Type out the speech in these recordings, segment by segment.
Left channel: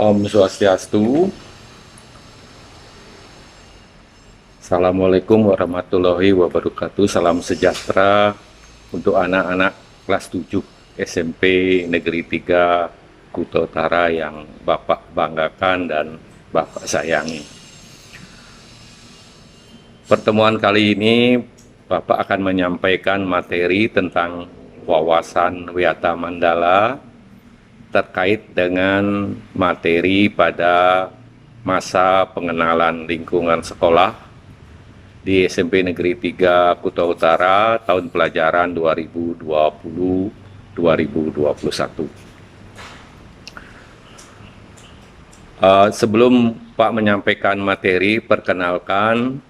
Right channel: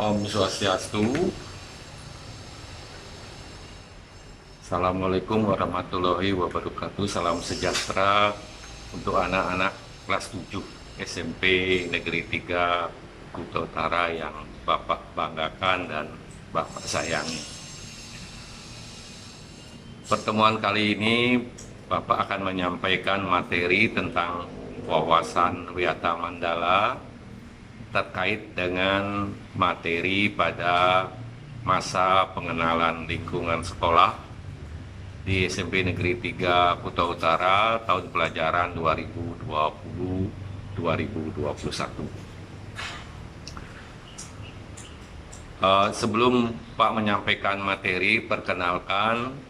Om Swastiastu. Assalamualaikum warahmatullahi wabarakatuh. Salam sejahtera untuk anak-anak kelas 7 SMP Negeri 3 Kuta Utara yang Bapak banggakan dan Bapak sayangi. Pertemuan kali ini Bapak akan menyampaikan materi tentang wawasan Wiyata Mandala terkait dengan materi pada masa pengenalan lingkungan sekolah di SMP Negeri 3 Kuta Utara tahun pelajaran 2020-2021. Sebelum Pak menyampaikan materi, perkenalkan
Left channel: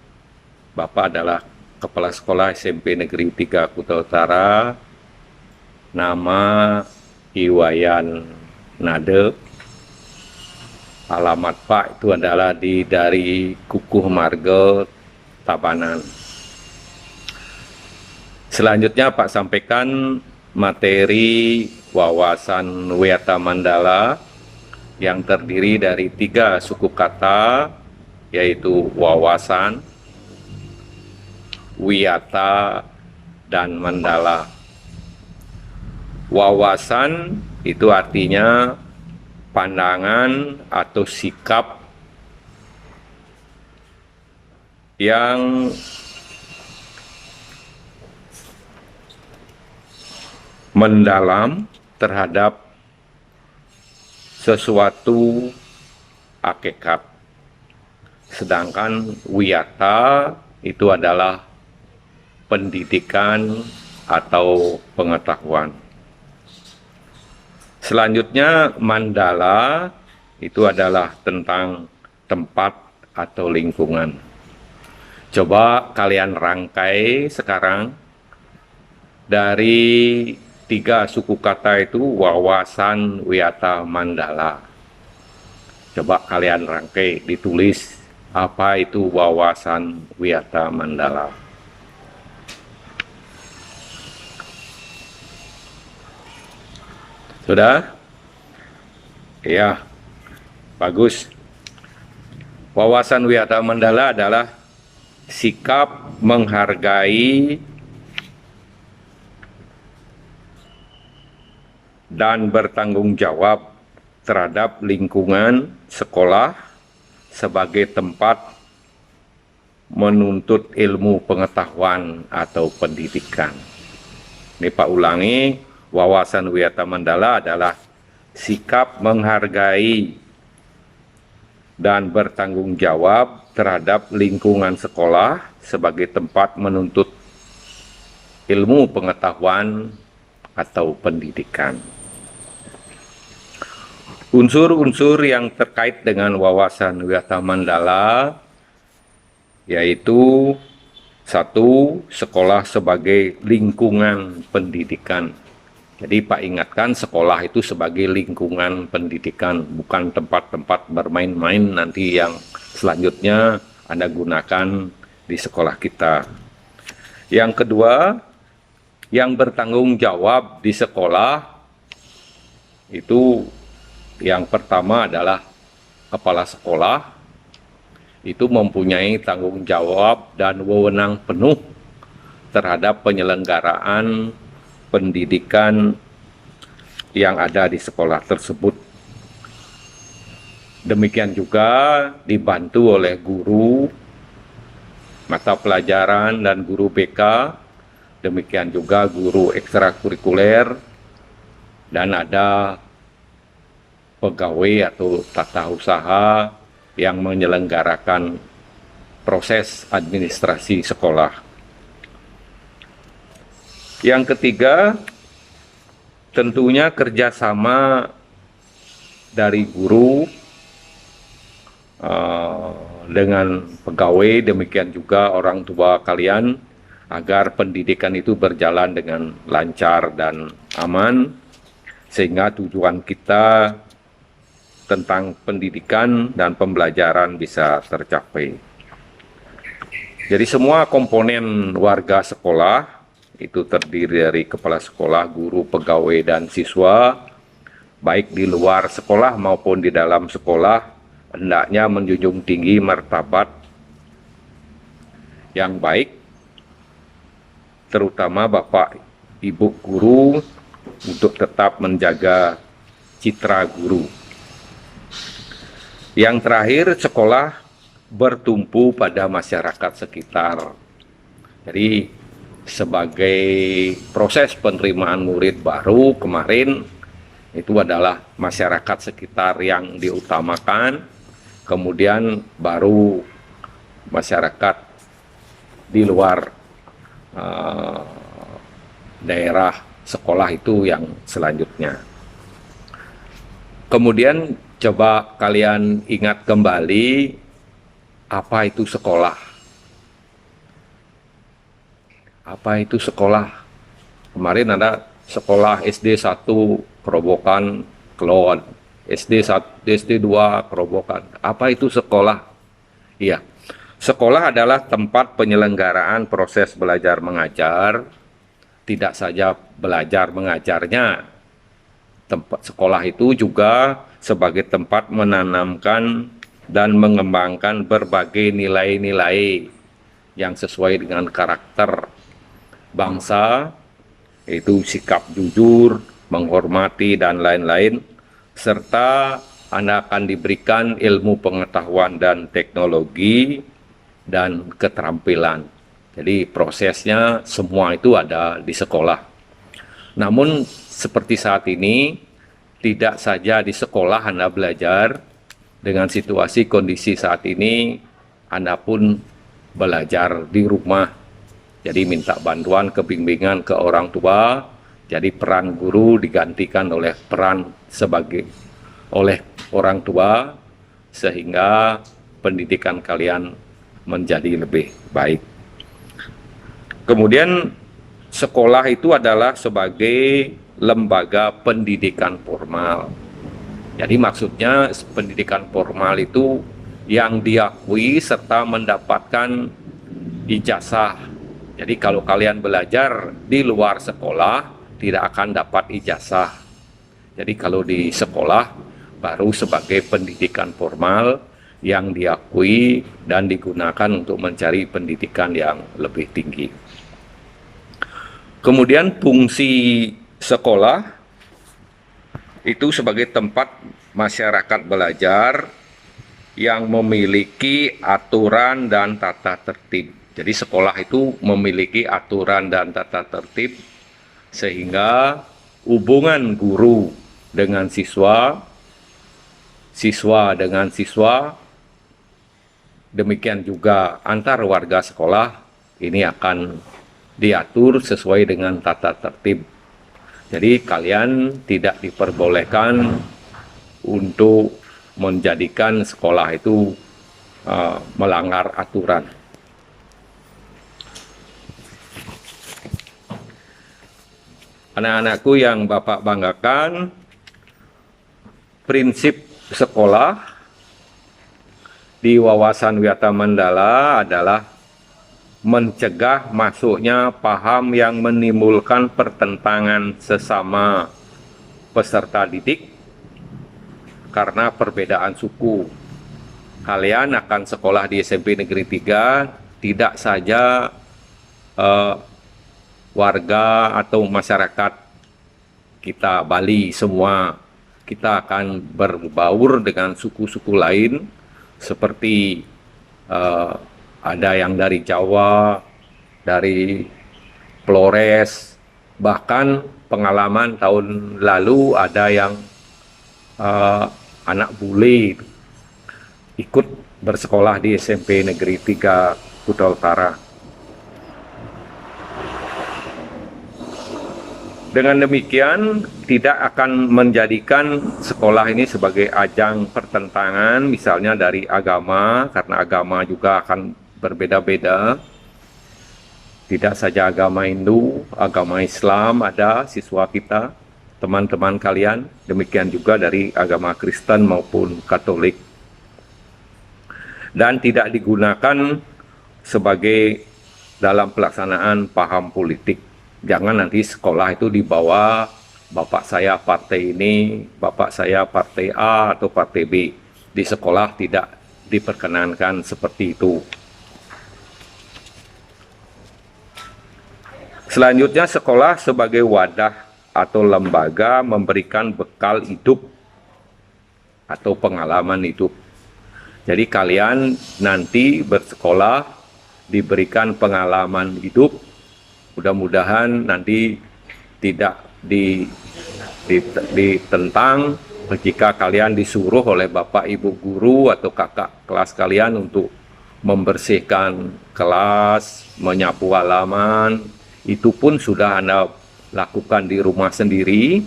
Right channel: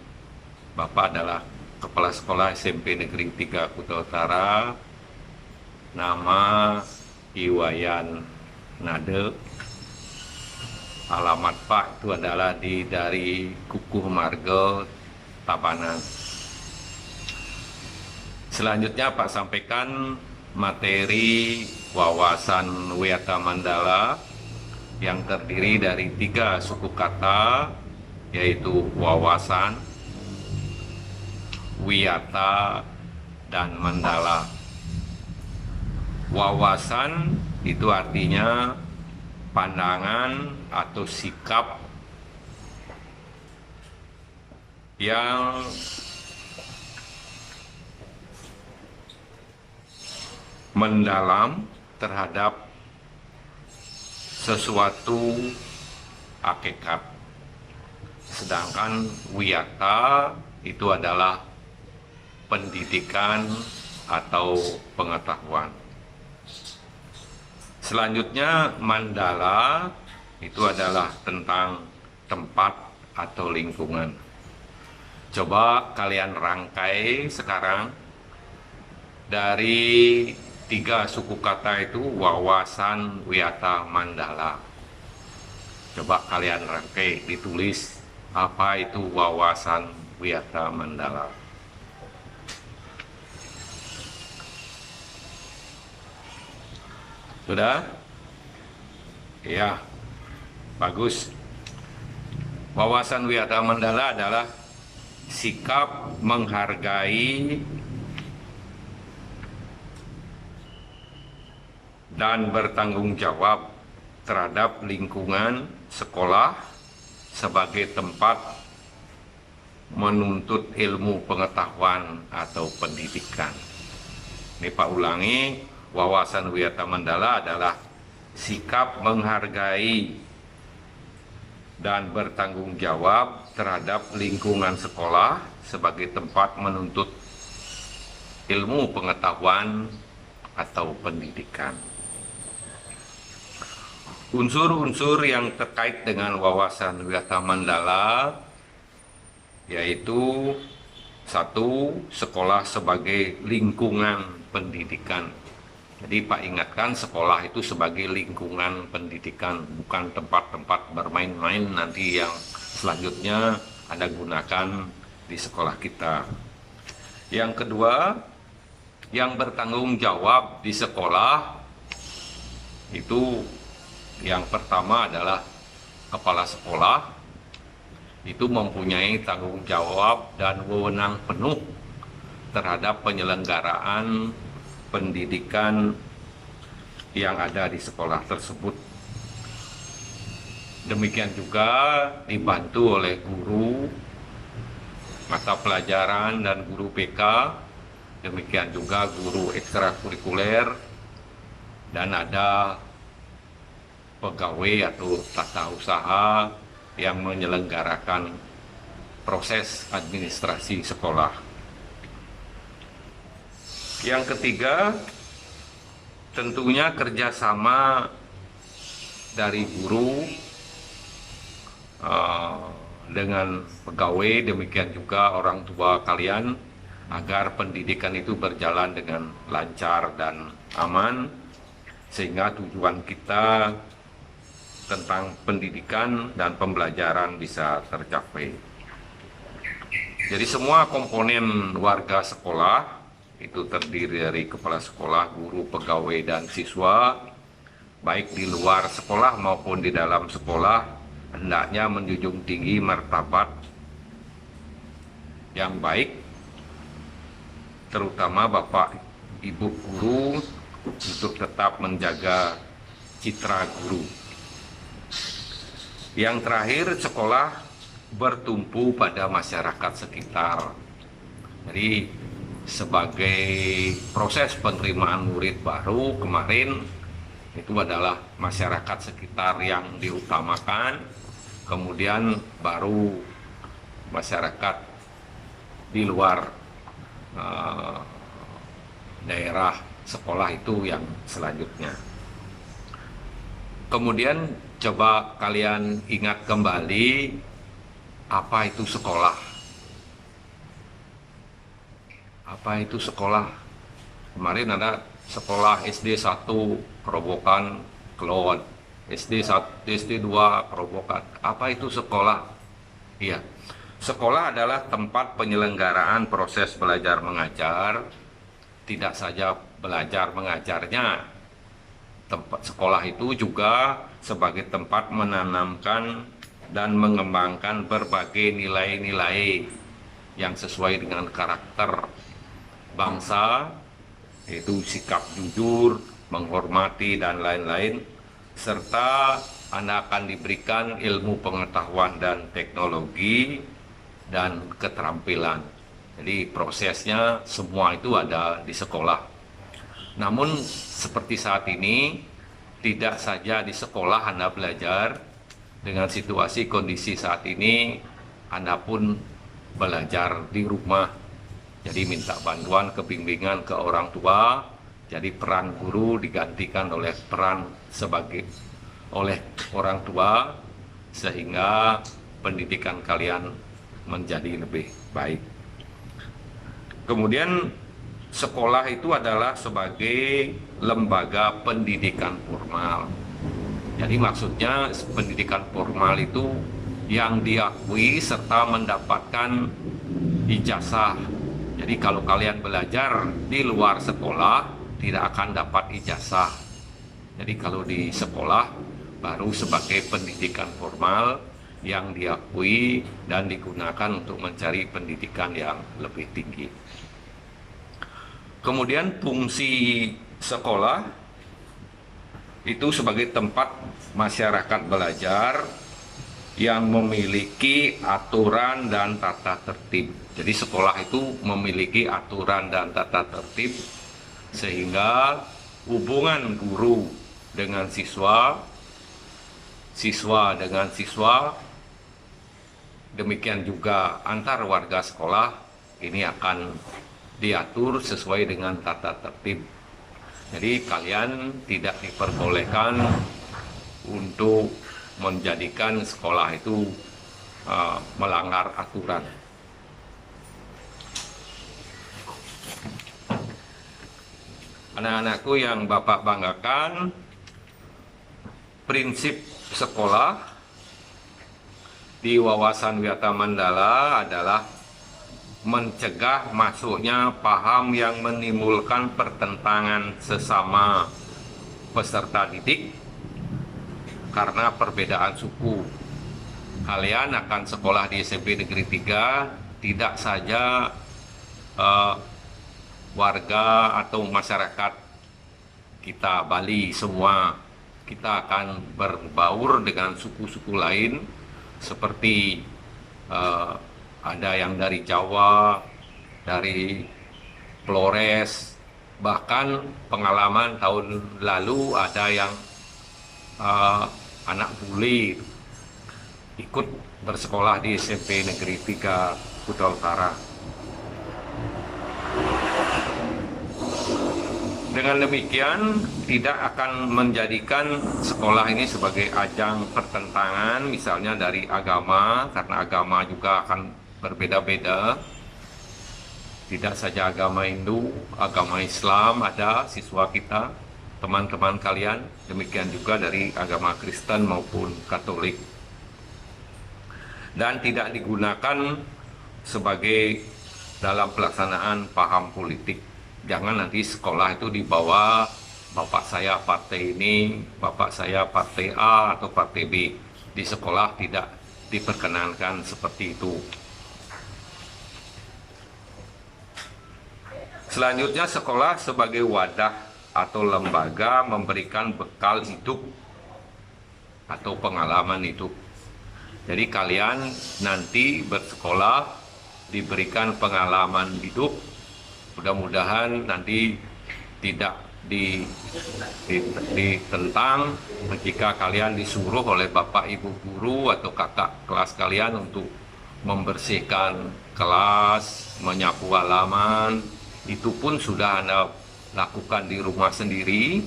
Bapak adalah Kepala Sekolah SMP Negeri 3 Kuta Utara, nama Iwayan Nade. Alamat Pak itu adalah dari Kukuh Marga, Tabanan. Selanjutnya Pak sampaikan materi wawasan Wiyata Mandala yang terdiri dari 3 suku kata, yaitu wawasan, wiyata, dan mandala. Wawasan itu artinya pandangan atau sikap yang mendalam terhadap sesuatu hakikat. Sedangkan wiyata itu adalah pendidikan atau pengetahuan. Selanjutnya mandala itu adalah tentang tempat atau lingkungan. Coba kalian rangkai sekarang dari 3 suku kata itu wawasan Wiyata Mandala. Coba kalian rangkai, ditulis apa itu wawasan Wiyata Mandala. Sudah? Ya, bagus. Wawasan Wiyata Mandala adalah sikap menghargai dan bertanggung jawab terhadap lingkungan sekolah sebagai tempat menuntut ilmu pengetahuan atau pendidikan. Ini Pak ulangi, wawasan Wiyata Mandala adalah sikap menghargai dan bertanggung jawab terhadap lingkungan sekolah sebagai tempat menuntut ilmu pengetahuan atau pendidikan. Unsur-unsur yang terkait dengan wawasan Wiyata Mandala yaitu 1. Sekolah sebagai lingkungan pendidikan. Jadi Pak ingatkan, sekolah itu sebagai lingkungan pendidikan, bukan tempat-tempat bermain-main nanti yang selanjutnya Anda gunakan di sekolah kita. Yang kedua, yang bertanggung jawab di sekolah itu yang pertama adalah kepala sekolah, itu mempunyai tanggung jawab dan wewenang penuh terhadap penyelenggaraan pendidikan yang ada di sekolah tersebut. Demikian juga dibantu oleh guru mata pelajaran dan guru BK, demikian juga guru ekstrakurikuler, dan ada pegawai atau tata usaha yang menyelenggarakan proses administrasi sekolah. Yang ketiga, tentunya kerjasama dari guru dengan pegawai, demikian juga orang tua kalian, agar pendidikan itu berjalan dengan lancar dan aman, sehingga tujuan kita tentang pendidikan dan pembelajaran bisa tercapai. Jadi semua komponen warga sekolah itu terdiri dari kepala sekolah, guru, pegawai, dan siswa, baik di luar sekolah maupun di dalam sekolah, hendaknya menjunjung tinggi martabat yang baik, terutama Bapak Ibu guru, untuk tetap menjaga citra guru. Yang terakhir, sekolah bertumpu pada masyarakat sekitar. Jadi sebagai proses penerimaan murid baru kemarin, itu adalah masyarakat sekitar yang diutamakan, kemudian baru masyarakat di luar daerah sekolah itu yang selanjutnya. Kemudian coba kalian ingat kembali, apa itu sekolah? Apa itu sekolah? Kemarin ada sekolah SD 1 Kerobokan Kelon, SD 1, SD 2 Kerobokan. Apa itu sekolah? Iya. Sekolah adalah tempat penyelenggaraan proses belajar mengajar, tidak saja belajar mengajarnya. Tempat sekolah itu juga sebagai tempat menanamkan dan mengembangkan berbagai nilai-nilai yang sesuai dengan karakter bangsa, yaitu sikap jujur, menghormati, dan lain-lain, serta Anda akan diberikan ilmu pengetahuan dan teknologi dan keterampilan. Jadi prosesnya semua itu ada di sekolah. Namun seperti saat ini, tidak saja di sekolah Anda belajar, dengan situasi kondisi saat ini Anda pun belajar di rumah. Jadi minta bantuan kebimbingan ke orang tua. Jadi peran guru digantikan oleh peran oleh orang tua, sehingga pendidikan kalian menjadi lebih baik. Kemudian sekolah itu adalah sebagai lembaga pendidikan formal. Jadi maksudnya pendidikan formal itu yang diakui serta mendapatkan ijazah. Jadi kalau kalian belajar di luar sekolah, tidak akan dapat ijazah. Jadi kalau di sekolah baru sebagai pendidikan formal yang diakui dan digunakan untuk mencari pendidikan yang lebih tinggi. Kemudian fungsi sekolah itu sebagai tempat masyarakat belajar yang memiliki aturan dan tata tertib. Jadi sekolah itu memiliki aturan dan tata tertib, sehingga hubungan guru dengan siswa, siswa dengan siswa, demikian juga antar warga sekolah, ini akan diatur sesuai dengan tata tertib. Jadi kalian tidak diperbolehkan untuk menjadikan sekolah itu melanggar aturan. Anak-anakku yang Bapak banggakan, prinsip sekolah di Wawasan Wiyata Mandala adalah mencegah masuknya paham yang menimbulkan pertentangan sesama peserta didik karena perbedaan suku. Kalian akan sekolah di SMP Negeri 3, tidak saja warga atau masyarakat kita Bali semua, kita akan berbaur dengan suku-suku lain, seperti ada yang dari Jawa, dari Flores, bahkan pengalaman tahun lalu ada yang anak bule ikut bersekolah di SMP Negeri 3 Kuta Utara. Dengan demikian, tidak akan menjadikan sekolah ini sebagai ajang pertentangan, misalnya dari agama, karena agama juga akan berbeda-beda. Tidak saja agama Hindu, agama Islam ada siswa kita, teman-teman kalian, demikian juga dari agama Kristen maupun Katolik. Dan tidak digunakan sebagai dalam pelaksanaan paham politik. Jangan nanti sekolah itu dibawa bapak saya partai ini, bapak saya partai A atau partai B. Di sekolah tidak diperkenankan seperti itu. Selanjutnya, sekolah sebagai wadah atau lembaga memberikan bekal hidup atau pengalaman hidup. Jadi kalian nanti bersekolah diberikan pengalaman hidup, mudah-mudahan nanti tidak ditentang jika kalian disuruh oleh bapak ibu guru atau kakak kelas kalian untuk membersihkan kelas, menyapu halaman, itu pun sudah Anda lakukan di rumah sendiri.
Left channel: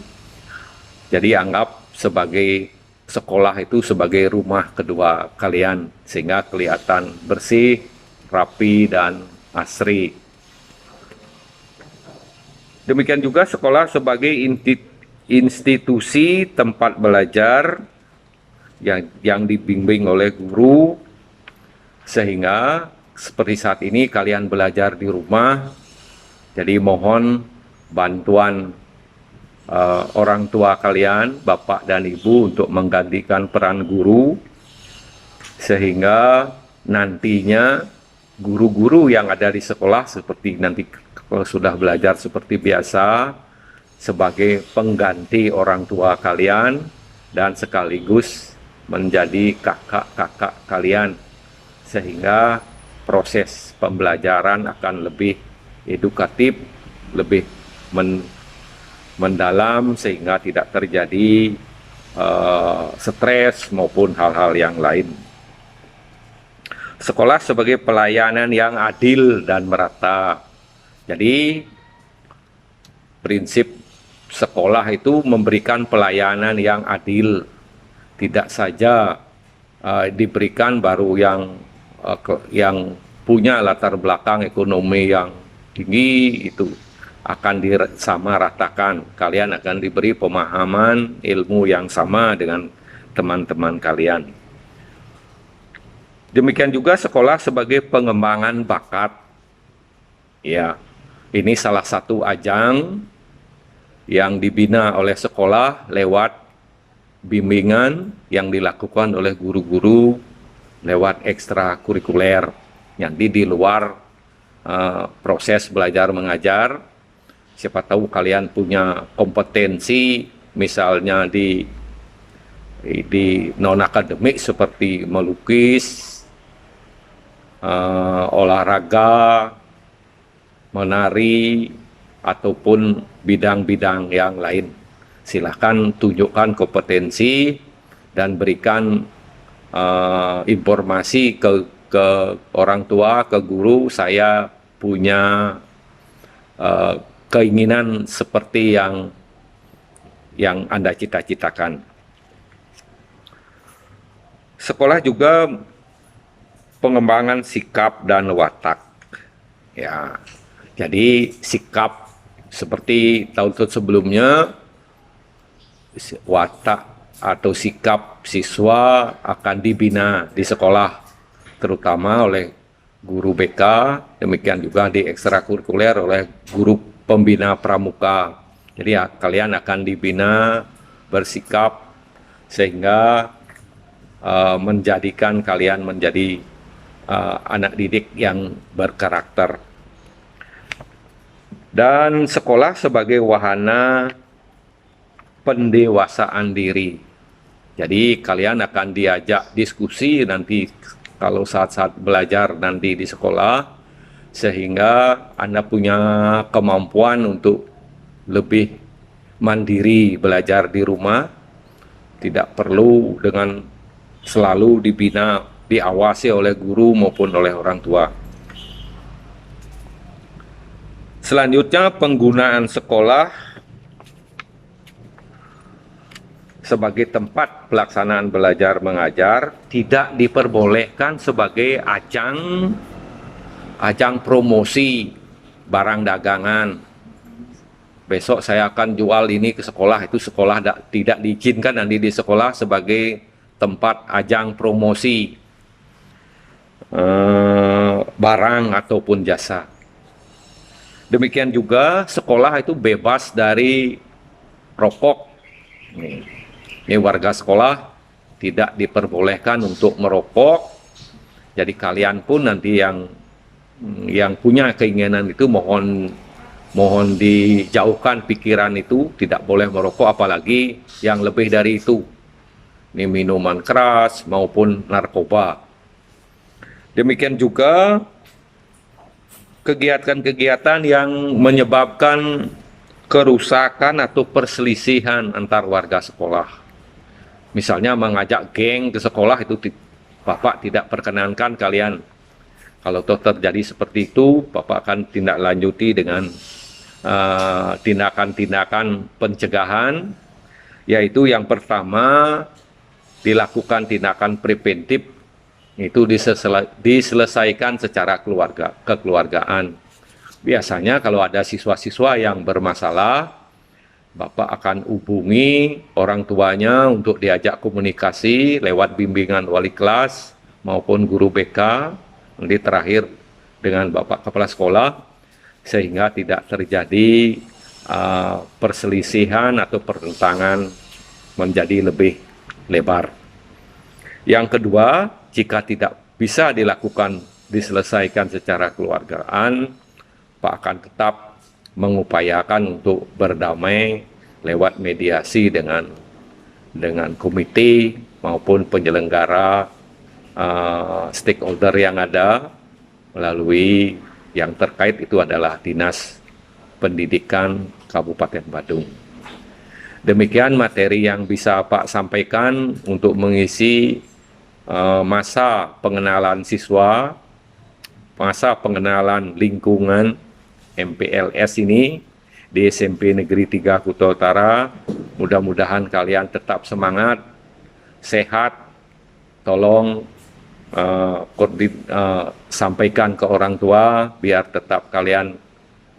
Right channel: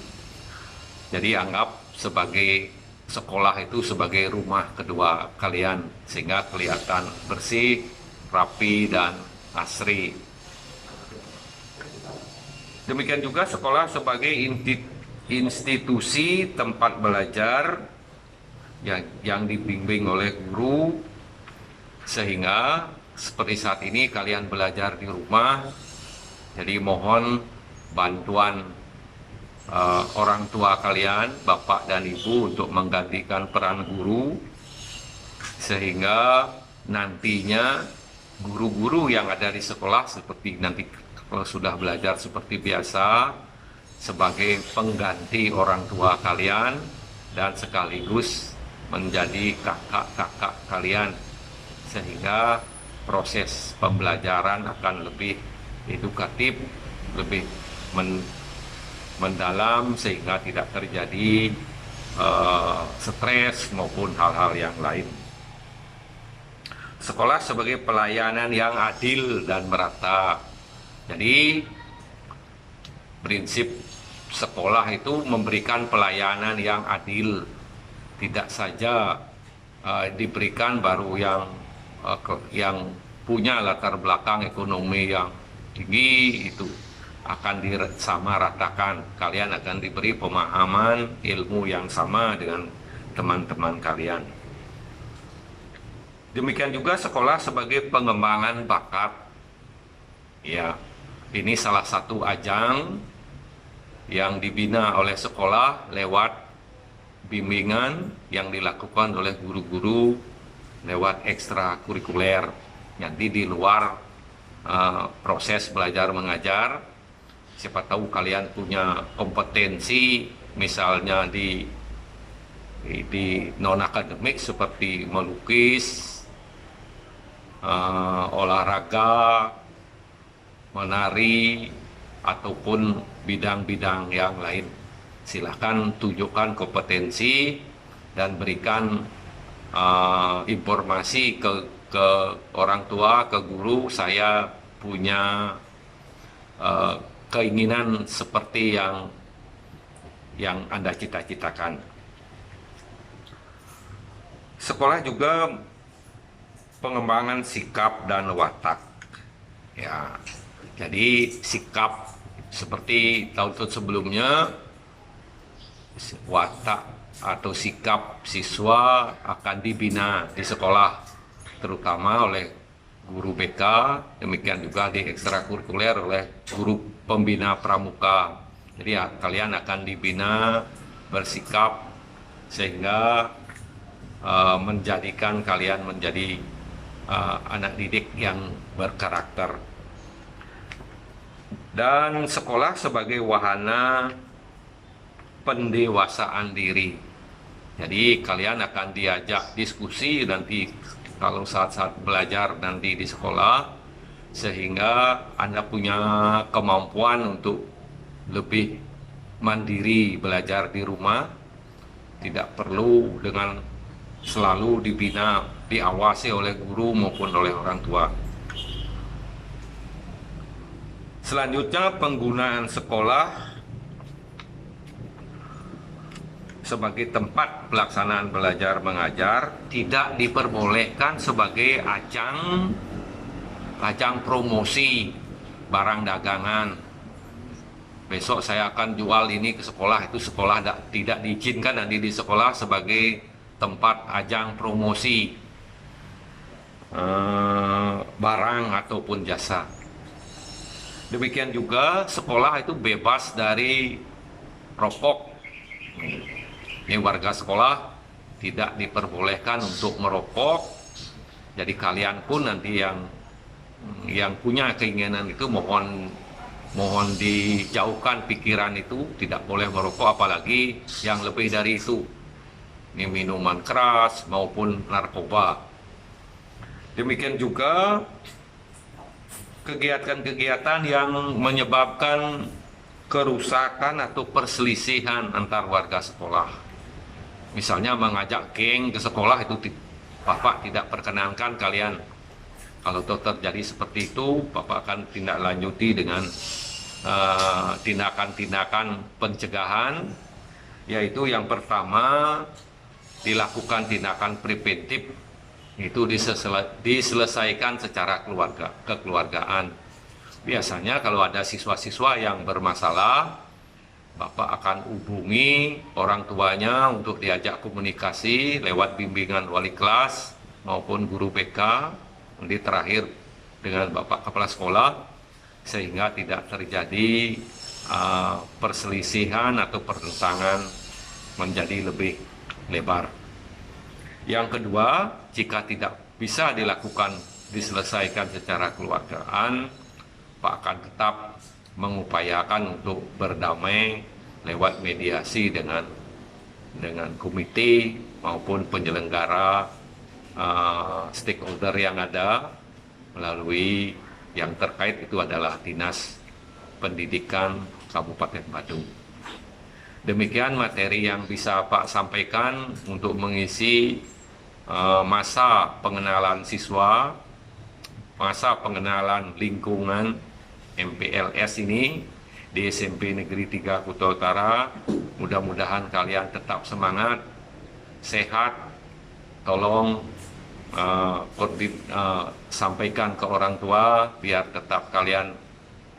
Jadi anggap sebagai sekolah itu sebagai rumah kedua kalian, sehingga kelihatan bersih, rapi, dan asri. Demikian juga sekolah sebagai institusi tempat belajar yang dibimbing oleh guru, sehingga seperti saat ini kalian belajar di rumah. Jadi mohon bantuan orang tua kalian, bapak dan ibu, untuk menggantikan peran guru, sehingga nantinya guru-guru yang ada di sekolah seperti nanti kalau sudah belajar seperti biasa sebagai pengganti orang tua kalian dan sekaligus menjadi kakak-kakak kalian, sehingga proses pembelajaran akan lebih edukatif, lebih mendalam, sehingga tidak terjadi stres maupun hal-hal yang lain. Sekolah sebagai pelayanan yang adil dan merata. Jadi prinsip sekolah itu memberikan pelayanan yang adil, tidak saja diberikan baru yang punya latar belakang ekonomi yang tinggi itu akan disamaratakan. Kalian akan diberi pemahaman ilmu yang sama dengan teman-teman kalian. Demikian juga sekolah sebagai pengembangan bakat. Ya, ini salah satu ajang yang dibina oleh sekolah lewat bimbingan yang dilakukan oleh guru-guru lewat ekstrakurikuler yang di luar proses belajar mengajar. Siapa tahu kalian punya kompetensi misalnya di non akademik seperti melukis, olahraga, menari, ataupun bidang-bidang yang lain. Silahkan tunjukkan kompetensi dan berikan informasi ke orang tua, ke guru, saya punya keinginan seperti yang Anda cita-citakan. Sekolah juga pengembangan sikap dan watak. Ya, jadi sikap seperti tahun sebelumnya, watak atau sikap siswa akan dibina di sekolah, terutama oleh guru BK, demikian juga di ekstrakurikuler oleh guru pembina pramuka. Jadi ya, kalian akan dibina bersikap sehingga menjadikan kalian menjadi anak didik yang berkarakter. Dan sekolah sebagai wahana pendewasaan diri. Jadi kalian akan diajak diskusi nanti kalau saat-saat belajar nanti di sekolah, sehingga Anda punya kemampuan untuk lebih mandiri belajar di rumah, tidak perlu dengan selalu dibina, diawasi oleh guru maupun oleh orang tua. Selanjutnya, penggunaan sekolah sebagai tempat pelaksanaan belajar mengajar tidak diperbolehkan sebagai ajang promosi barang dagangan. Besok saya akan jual ini ke sekolah, itu sekolah tidak diizinkan nanti di sekolah sebagai tempat ajang promosi barang ataupun jasa. Demikian juga sekolah itu bebas dari rokok. Ini warga sekolah tidak diperbolehkan untuk merokok. Jadi kalian pun nanti yang punya keinginan itu mohon dijauhkan pikiran itu, tidak boleh merokok, apalagi yang lebih dari itu. Ini minuman keras maupun narkoba. Demikian juga kegiatan-kegiatan yang menyebabkan kerusakan atau perselisihan antar warga sekolah. Misalnya mengajak geng ke sekolah, itu Bapak tidak perkenankan kalian. Kalau terjadi seperti itu, Bapak akan tindak lanjuti dengan tindakan-tindakan pencegahan, yaitu yang pertama dilakukan tindakan preventif, itu diselesaikan secara kekeluargaan. Biasanya kalau ada siswa-siswa yang bermasalah, Bapak akan hubungi orang tuanya untuk diajak komunikasi lewat bimbingan wali kelas maupun guru BK, nanti terakhir dengan Bapak Kepala Sekolah, sehingga tidak terjadi perselisihan atau pertentangan menjadi lebih lebar. Yang kedua, jika tidak bisa diselesaikan secara kekeluargaan, Pak akan tetap mengupayakan untuk berdamai lewat mediasi dengan komite maupun penyelenggara stakeholder yang ada, melalui yang terkait itu adalah Dinas Pendidikan Kabupaten Badung. Demikian materi yang bisa Pak sampaikan untuk mengisi masa pengenalan siswa, masa pengenalan lingkungan MPLS ini di SMP Negeri 3 Kuta Utara. Mudah-mudahan kalian tetap semangat, sehat. Tolong sampaikan ke orang tua biar tetap kalian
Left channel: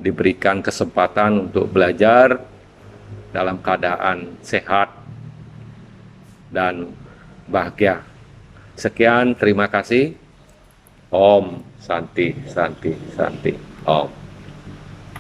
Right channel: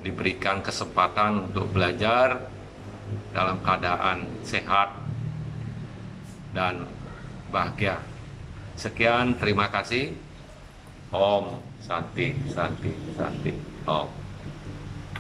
diberikan kesempatan untuk belajar dalam keadaan sehat dan bahagia. Sekian, terima kasih. Om Santi Santi Santi Om.